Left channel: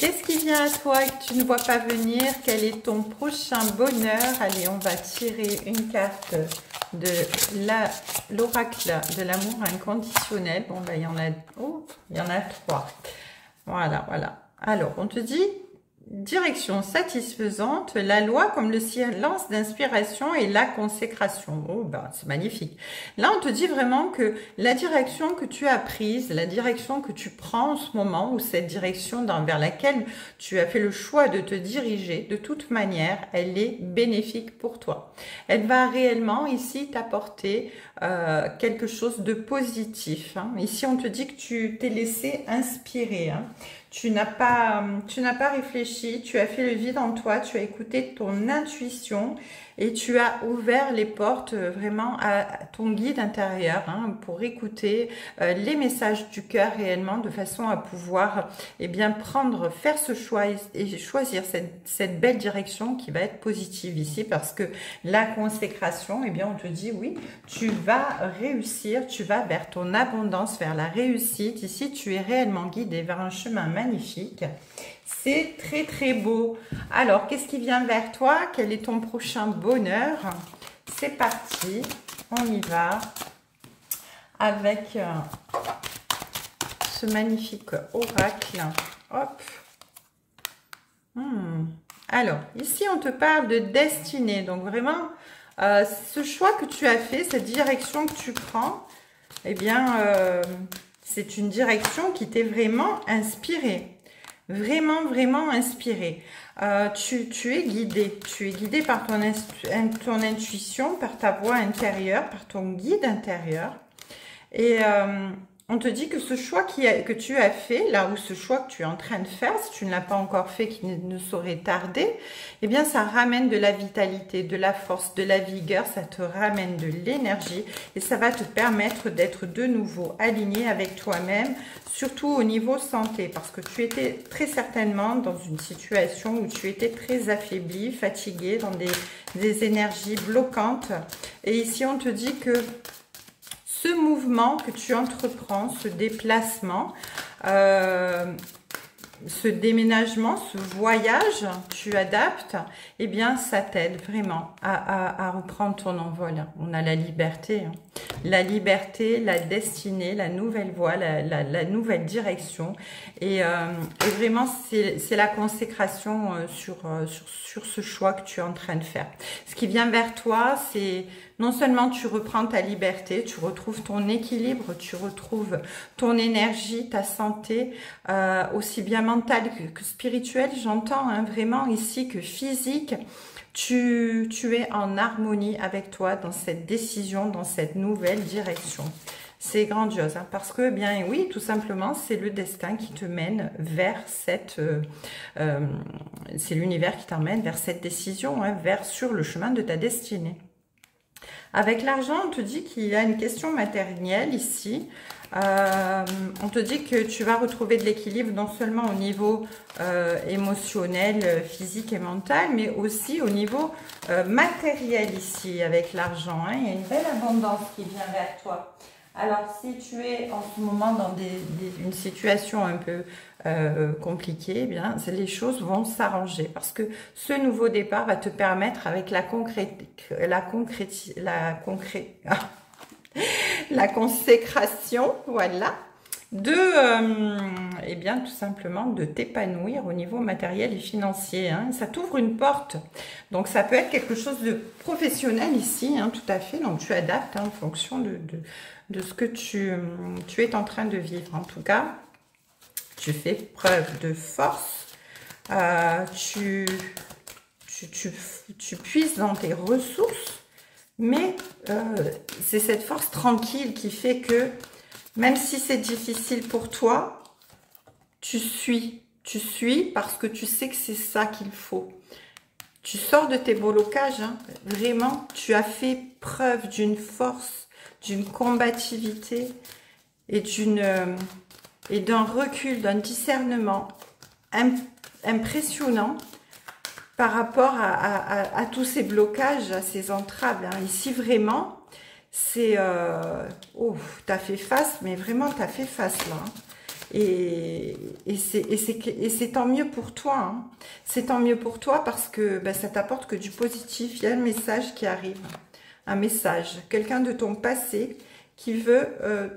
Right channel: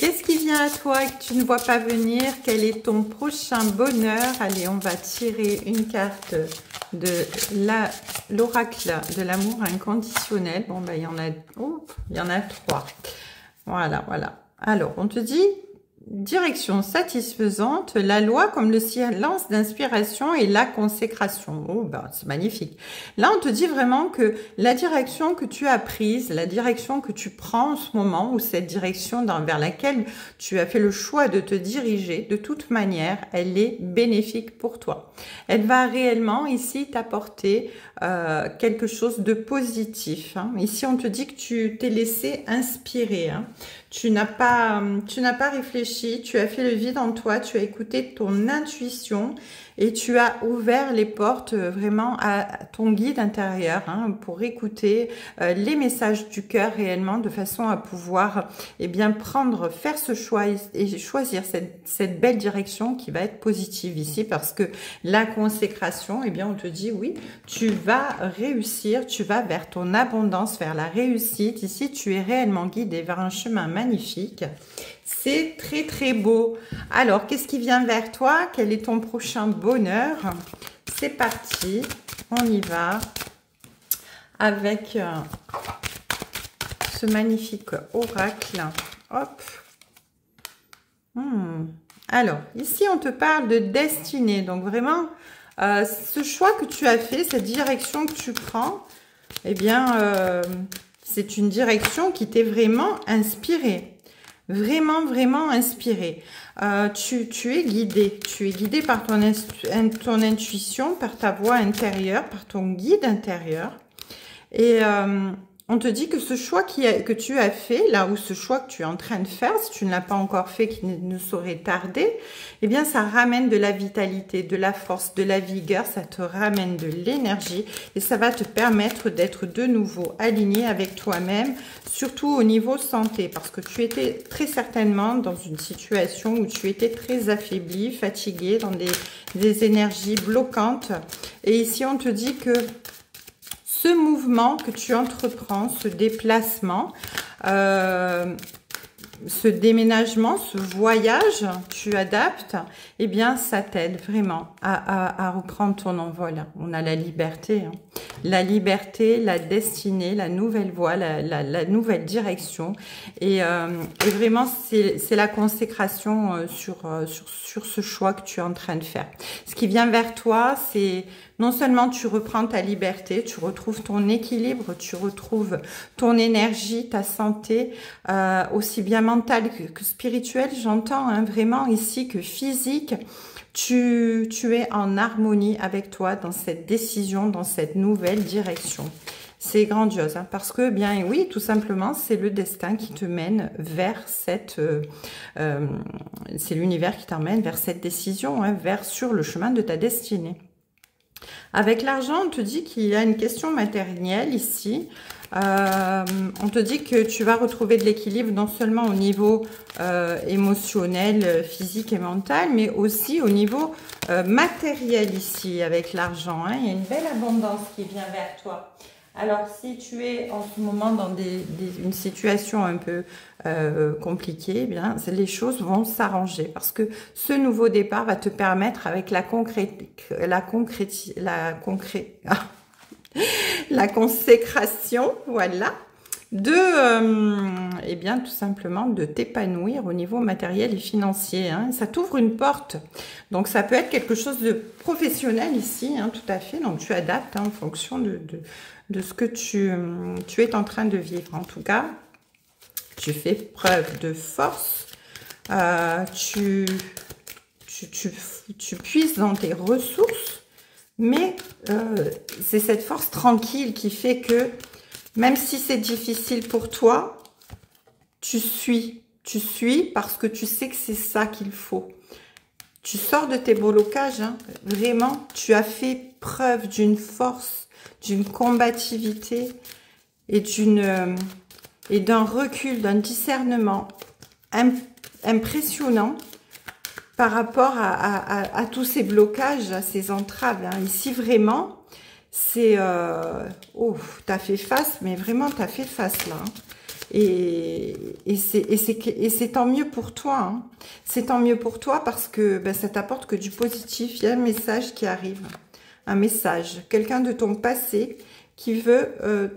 Qu'est-ce qui vient à toi que tu ne vois pas venir? Quel est ton prochain bonheur? Allez, on va tirer une carte de l'oracle de l'amour inconditionnel. Bon, ben, il y en a, oh, il y en a 3. Voilà, voilà. Alors, on te dit direction satisfaisante, la loi comme le silence d'inspiration et la consécration. Oh, ben, c'est magnifique. Là, on te dit vraiment que la direction que tu as prise, la direction que tu prends en ce moment, ou cette direction vers laquelle tu as fait le choix de te diriger, de toute manière, elle est bénéfique pour toi. Elle va réellement ici t'apporter quelque chose de positif. Hein. Ici, on te dit que tu t'es laissé inspirer. Hein. Tu n'as pas réfléchi, tu as fait le vide en toi, tu as écouté ton intuition et tu as ouvert les portes vraiment à ton guide intérieur hein, pour écouter les messages du cœur réellement de façon à pouvoir faire ce choix et choisir cette belle direction qui va être positive ici parce que la consécration, on te dit oui, tu vas réussir, tu vas vers ton abondance, vers la réussite. Ici, tu es réellement guidé vers un chemin magnifique. C'est très très beau. Alors, qu'est-ce qui vient vers toi? Quel est ton prochain bonheur? C'est parti, on y va avec ce magnifique oracle. Hop. Alors, ici, on te parle de destinée. Donc, vraiment, ce choix que tu as fait, cette direction que tu prends, c'est une direction qui t'est vraiment inspirée. Vraiment, vraiment inspirée. Tu es guidé. Tu es guidé par ton intuition, par ta voix intérieure, par ton guide intérieur. Et on te dit que ce choix que tu as fait, là où ce choix que tu es en train de faire, si tu ne l'as pas encore fait, qui ne saurait tarder, ça ramène de la vitalité, de la force, de la vigueur, ça te ramène de l'énergie et ça va te permettre d'être de nouveau aligné avec toi-même, surtout au niveau santé, parce que tu étais très certainement dans une situation où tu étais très affaibli, fatigué, dans des énergies bloquantes. Et ici, on te dit que ce mouvement que tu entreprends, ce déplacement, ce déménagement, ce voyage, tu adaptes, ça t'aide vraiment à reprendre ton envol. On a la liberté, hein. La liberté, la destinée, la nouvelle voie, la nouvelle direction. Et vraiment, c'est la consécration sur ce choix que tu es en train de faire. Ce qui vient vers toi, c'est non seulement tu reprends ta liberté, tu retrouves ton équilibre, tu retrouves ton énergie, ta santé, aussi bien mentale que spirituelle, j'entends hein, vraiment ici que physique, tu es en harmonie avec toi dans cette décision, dans cette nouvelle direction. C'est grandiose, hein, parce que, oui, tout simplement, c'est le destin qui te mène vers c'est l'univers qui t'emmène vers cette décision, hein, sur le chemin de ta destinée. Avec l'argent, on te dit qu'il y a une question matérielle ici. On te dit que tu vas retrouver de l'équilibre non seulement au niveau émotionnel, physique et mental, mais aussi au niveau matériel ici avec l'argent. Hein. Il y a une belle abondance qui vient vers toi. Alors, si tu es en ce moment dans une situation un peu compliquée, les choses vont s'arranger parce que ce nouveau départ va te permettre avec la consécration, voilà, de, tout simplement de t'épanouir au niveau matériel et financier. Hein. Ça t'ouvre une porte. Donc, ça peut être quelque chose de professionnel ici, hein, tout à fait. Donc, tu adaptes hein, en fonction de ce que tu es en train de vivre. En tout cas, tu fais preuve de force. Tu puises dans tes ressources. Mais c'est cette force tranquille qui fait que même si c'est difficile pour toi, tu suis parce que tu sais que c'est ça qu'il faut. Tu sors de tes blocages, hein, vraiment, tu as fait preuve d'une force, d'une combativité et d'un recul, d'un discernement impressionnant par rapport à tous ces blocages, à ces entraves. Hein. Ici, vraiment, c'est... tu as fait face, mais vraiment, tu as fait face là. Hein. Et c'est tant mieux pour toi. Hein. C'est tant mieux pour toi parce que ben, ça t'apporte que du positif. Il y a un message qui arrive. Un message. Quelqu'un de ton passé qui veut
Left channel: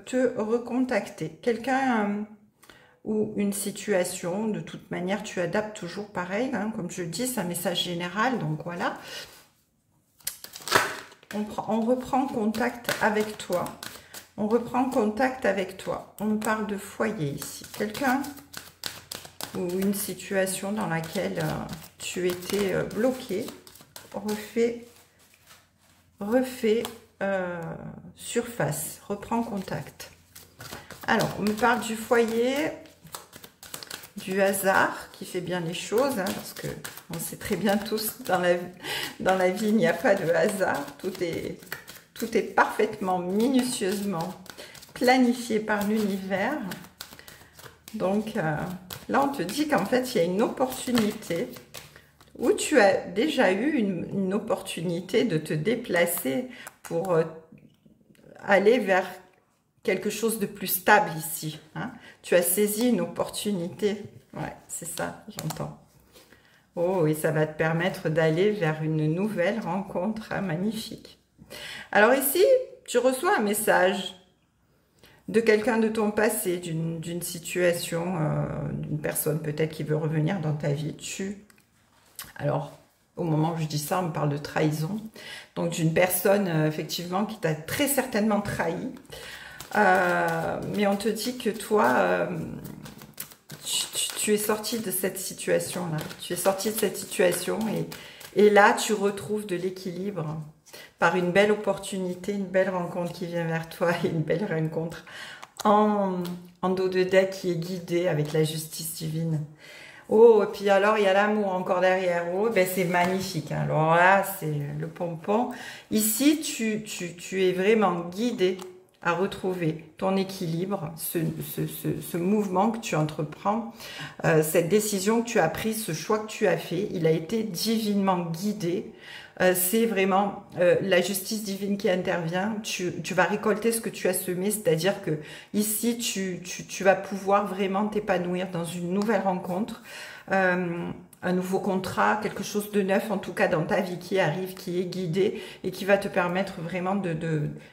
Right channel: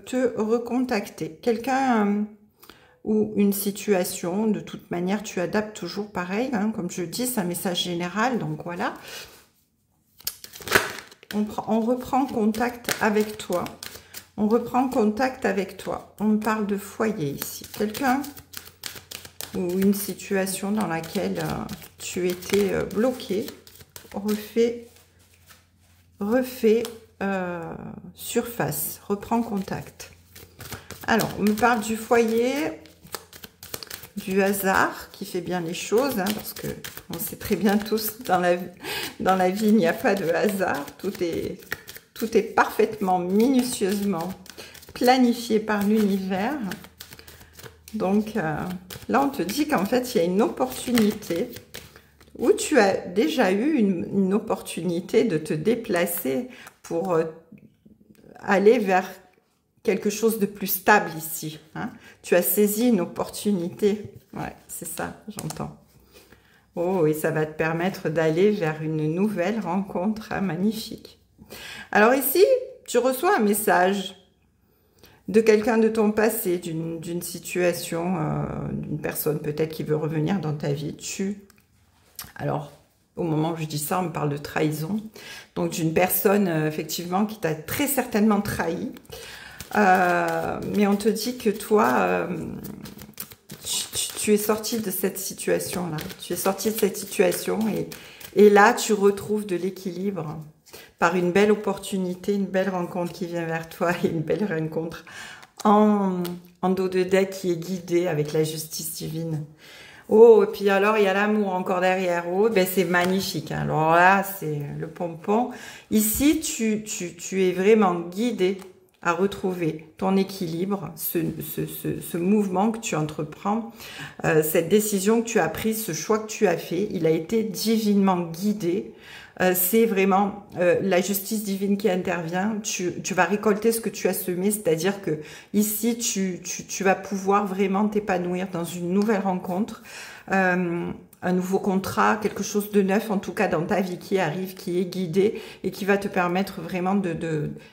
te recontacter. Quelqu'un ou une situation. De toute manière, tu adaptes toujours pareil. Hein, comme je dis, c'est un message général. Donc voilà. On reprend contact avec toi. On reprend contact avec toi. On parle de foyer ici. Quelqu'un ou une situation dans laquelle tu étais bloqué. Refait surface. Reprend contact. Alors, on me parle du foyer, du hasard qui fait bien les choses. Hein, parce que on sait très bien tous, dans la vie, il n'y a pas de hasard. Tout est parfaitement, minutieusement planifié par l'univers. Donc, là, on te dit qu'en fait, il y a une opportunité où tu as déjà eu une opportunité de te déplacer pour aller vers quelque chose de plus stable ici. Hein. Tu as saisi une opportunité. Ouais, c'est ça, j'entends. Oh, et ça va te permettre d'aller vers une nouvelle rencontre. Hein, magnifique. Alors ici, tu reçois un message de quelqu'un de ton passé, d'une situation, d'une personne peut-être qui veut revenir dans ta vie. Alors, au moment où je dis ça, on me parle de trahison. Donc, d'une personne, effectivement, qui t'a très certainement trahi. Mais on te dit que toi, tu es sorti de cette situation-là. Tu es sorti de cette situation et là, tu retrouves de l'équilibre par une belle opportunité, une belle rencontre qui vient vers toi et une belle rencontre en dos de deck qui est guidée avec la justice divine. Oh, et puis alors, il y a l'amour encore derrière. Oh, ben c'est magnifique. Hein. Alors là, c'est le pompon. Ici, tu es vraiment guidé à retrouver ton équilibre, ce mouvement que tu entreprends, cette décision que tu as prise, ce choix que tu as fait, il a été divinement guidé. C'est vraiment la justice divine qui intervient. Tu vas récolter ce que tu as semé, c'est-à-dire que ici, tu vas pouvoir vraiment t'épanouir dans une nouvelle rencontre, un nouveau contrat, quelque chose de neuf, en tout cas dans ta vie qui arrive, qui est guidé et qui va te permettre vraiment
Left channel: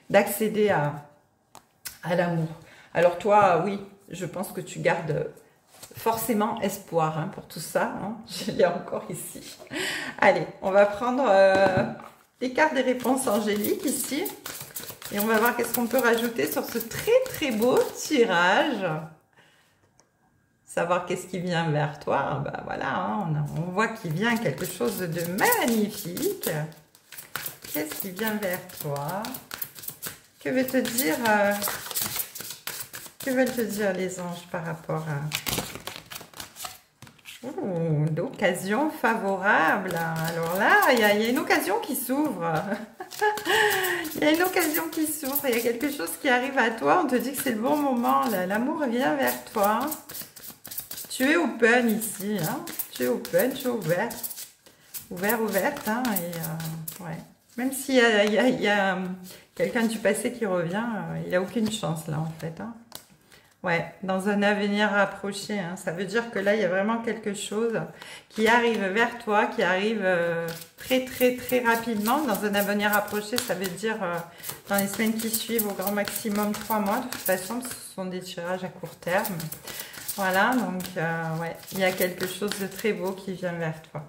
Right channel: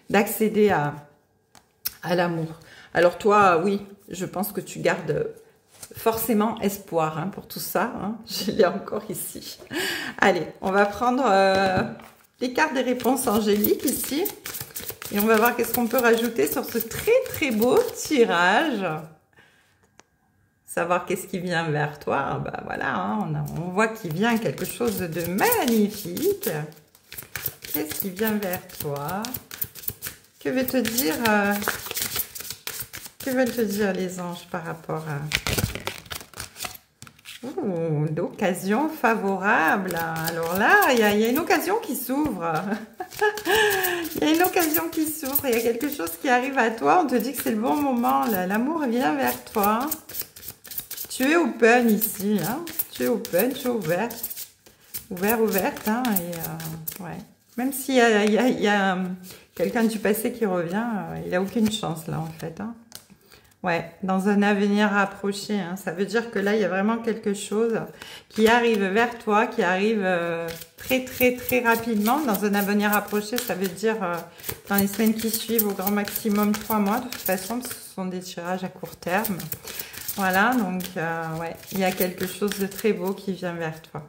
d'accéder à l'amour. Alors toi, oui, je pense que tu gardes forcément espoir hein, pour tout ça. Hein. Je l'ai encore ici. Allez, on va prendre les cartes des réponses angéliques ici. Et on va voir qu'est-ce qu'on peut rajouter sur ce très très beau tirage. Savoir qu'est-ce qui vient vers toi. Ben voilà, hein, on voit qu'il vient quelque chose de magnifique. Qu'est-ce qui vient vers toi? Que veulent te dire les anges par rapport à... Oh, d'occasion favorable. Alors là, il y a une occasion qui s'ouvre. Il y a une occasion qui s'ouvre. Il y a quelque chose qui arrive à toi. On te dit que c'est le bon moment. L'amour vient vers toi. Tu es open ici. Hein. Tu es open, tu es ouvert. Ouverte. Hein, et, ouais. Même s'il y a quelqu'un du passé qui revient, il n'a aucune chance là en fait. Hein. Ouais, dans un avenir rapproché. Hein. Ça veut dire que là, il y a vraiment quelque chose qui arrive vers toi, qui arrive très, très, très rapidement. Dans un avenir rapproché, ça veut dire dans les semaines qui suivent, au grand maximum 3 mois. De toute façon, ce sont des tirages à court terme. Voilà, donc, ouais, il y a quelque chose de très beau qui vient vers toi.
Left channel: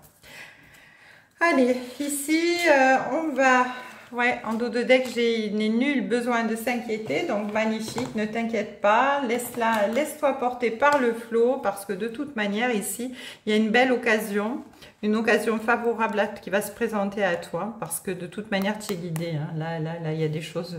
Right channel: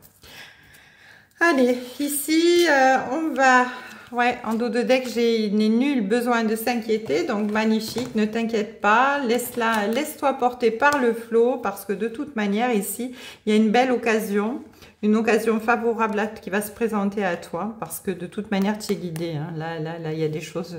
Allez, ici, on va... Ouais, en dos de deck, il n'est nul besoin de s'inquiéter. Donc, magnifique, ne t'inquiète pas. Laisse-toi porter par le flot parce que de toute manière, ici, il y a une belle occasion. Une occasion favorable qui va se présenter à toi parce que de toute manière, tu es guidé. Hein. Là, il y a des choses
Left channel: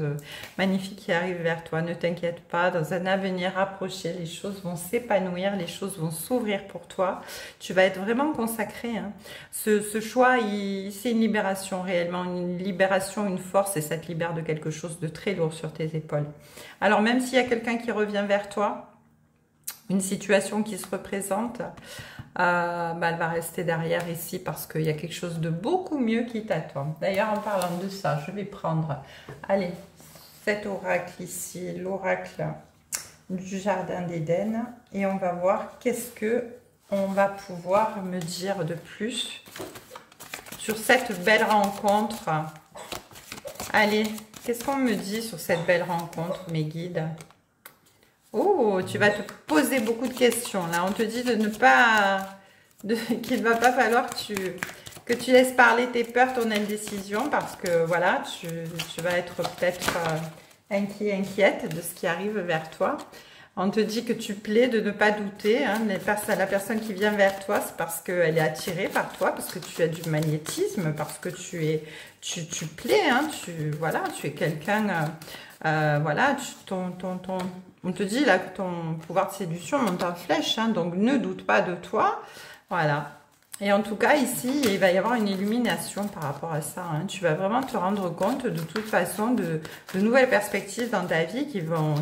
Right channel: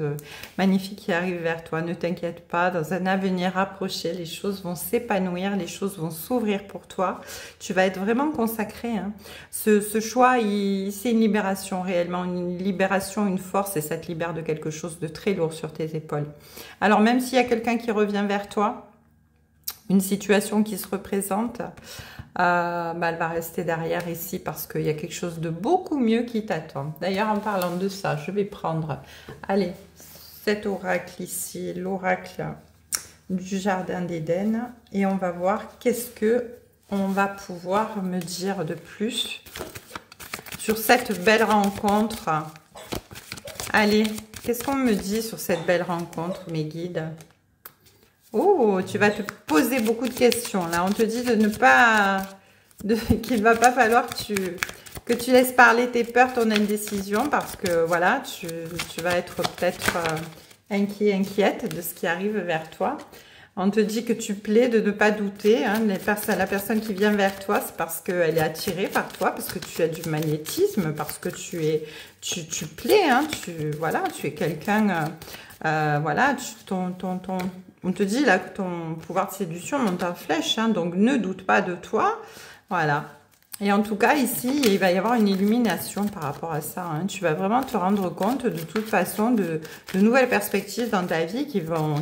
magnifiques qui arrivent vers toi. Ne t'inquiète pas. Dans un avenir rapproché, les choses vont s'épanouir. Les choses vont s'ouvrir pour toi. Tu vas être vraiment consacré. Hein. Ce choix, c'est une libération réellement. Une libération, une force et ça te libère de quelque chose de très lourd sur tes épaules. Alors, même s'il y a quelqu'un qui revient vers toi, une situation qui se représente... elle va rester derrière ici parce qu'il y a quelque chose de beaucoup mieux qui t'attend. D'ailleurs, en parlant de ça, je vais prendre, allez, cet oracle ici, l'oracle du jardin d'Éden et on va voir qu'est-ce que on va pouvoir me dire de plus sur cette belle rencontre. Allez, qu'est-ce qu'on me dit sur cette belle rencontre, mes guides? Oh, tu vas te poser beaucoup de questions. Là, on te dit de ne pas... qu'il ne va pas falloir que tu laisses parler tes peurs, ton indécision, parce que, voilà, tu vas être peut-être inquiète de ce qui arrive vers toi. On te dit que tu plais de ne pas douter. Hein, la personne qui vient vers toi, c'est parce qu'elle est attirée par toi, parce que tu as du magnétisme, parce que tu plais. Hein, voilà, tu es quelqu'un... voilà, on te dit là que ton pouvoir de séduction monte en flèche. Hein, donc, ne doute pas de toi. Voilà. Et en tout cas, ici, il va y avoir une illumination par rapport à ça. Hein. Tu vas vraiment te rendre compte de toute façon de nouvelles perspectives dans ta vie qui vont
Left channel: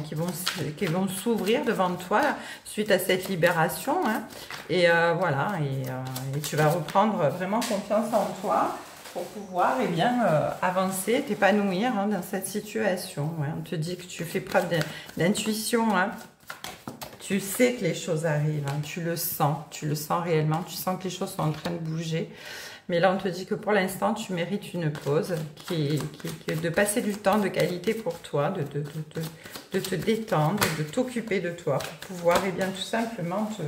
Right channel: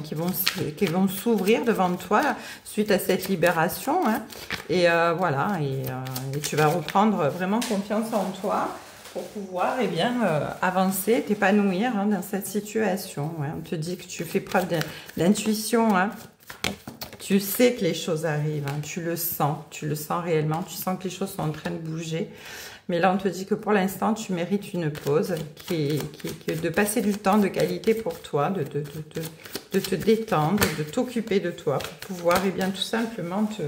s'ouvrir devant toi suite à cette libération. Hein. Et voilà, et tu vas reprendre vraiment confiance en toi pour pouvoir avancer, t'épanouir hein, dans cette situation. Ouais. On te dit que tu fais preuve d'intuition. Hein. Tu sais que les choses arrivent, hein, tu le sens réellement, tu sens que les choses sont en train de bouger. Mais là, on te dit que pour l'instant, tu mérites une pause, de passer du temps de qualité pour toi, de te détendre, de t'occuper de toi, pour pouvoir tout simplement te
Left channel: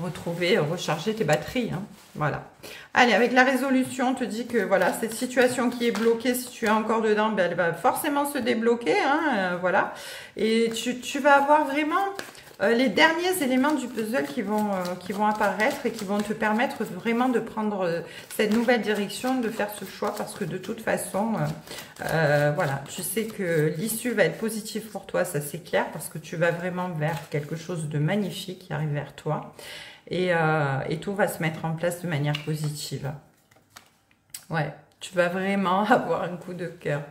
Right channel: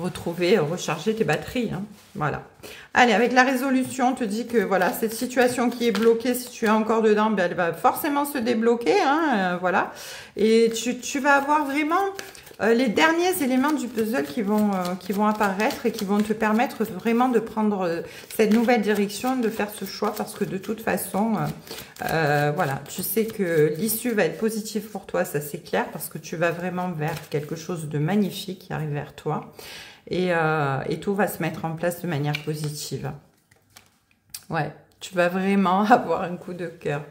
retrouver, recharger tes batteries. Hein, voilà. Allez, avec la résolution, on te dit que voilà, cette situation qui est bloquée, si tu es encore dedans, ben, elle va forcément se débloquer. Hein, voilà. Et tu vas avoir vraiment les derniers éléments du puzzle qui vont apparaître et qui vont te permettre vraiment de prendre cette nouvelle direction, de faire ce choix, parce que de toute façon, voilà, tu sais que l'issue va être positive pour toi, ça c'est clair, parce que tu vas vraiment vers quelque chose de magnifique qui arrive vers toi. Et tout va se mettre en place de manière positive. Ouais, tu vas vraiment avoir un coup de cœur.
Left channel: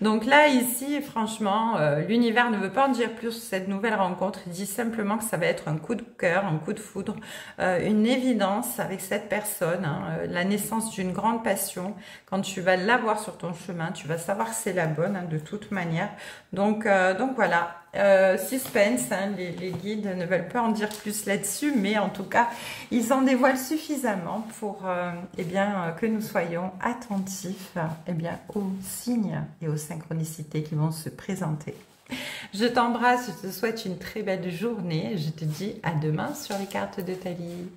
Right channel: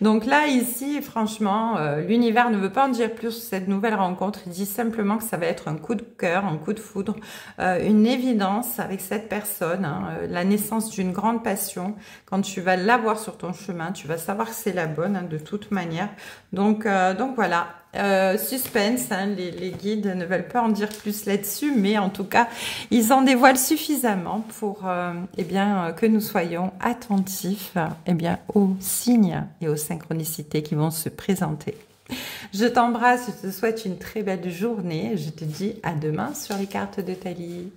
Donc là, ici, franchement, l'univers ne veut pas en dire plus sur cette nouvelle rencontre. Il dit simplement que ça va être un coup de cœur, un coup de foudre, une évidence avec cette personne, hein, la naissance d'une grande passion. Quand tu vas l'avoir sur ton chemin, tu vas savoir que c'est la bonne, hein, de toute manière. Donc voilà. Suspense, hein, les guides ne veulent pas en dire plus là-dessus, mais en tout cas, ils en dévoilent suffisamment pour que nous soyons attentifs aux signes et aux synchronicités qui vont se présenter. Je t'embrasse, je te souhaite une très belle journée. Je te dis à demain sur les cartes de Thalie.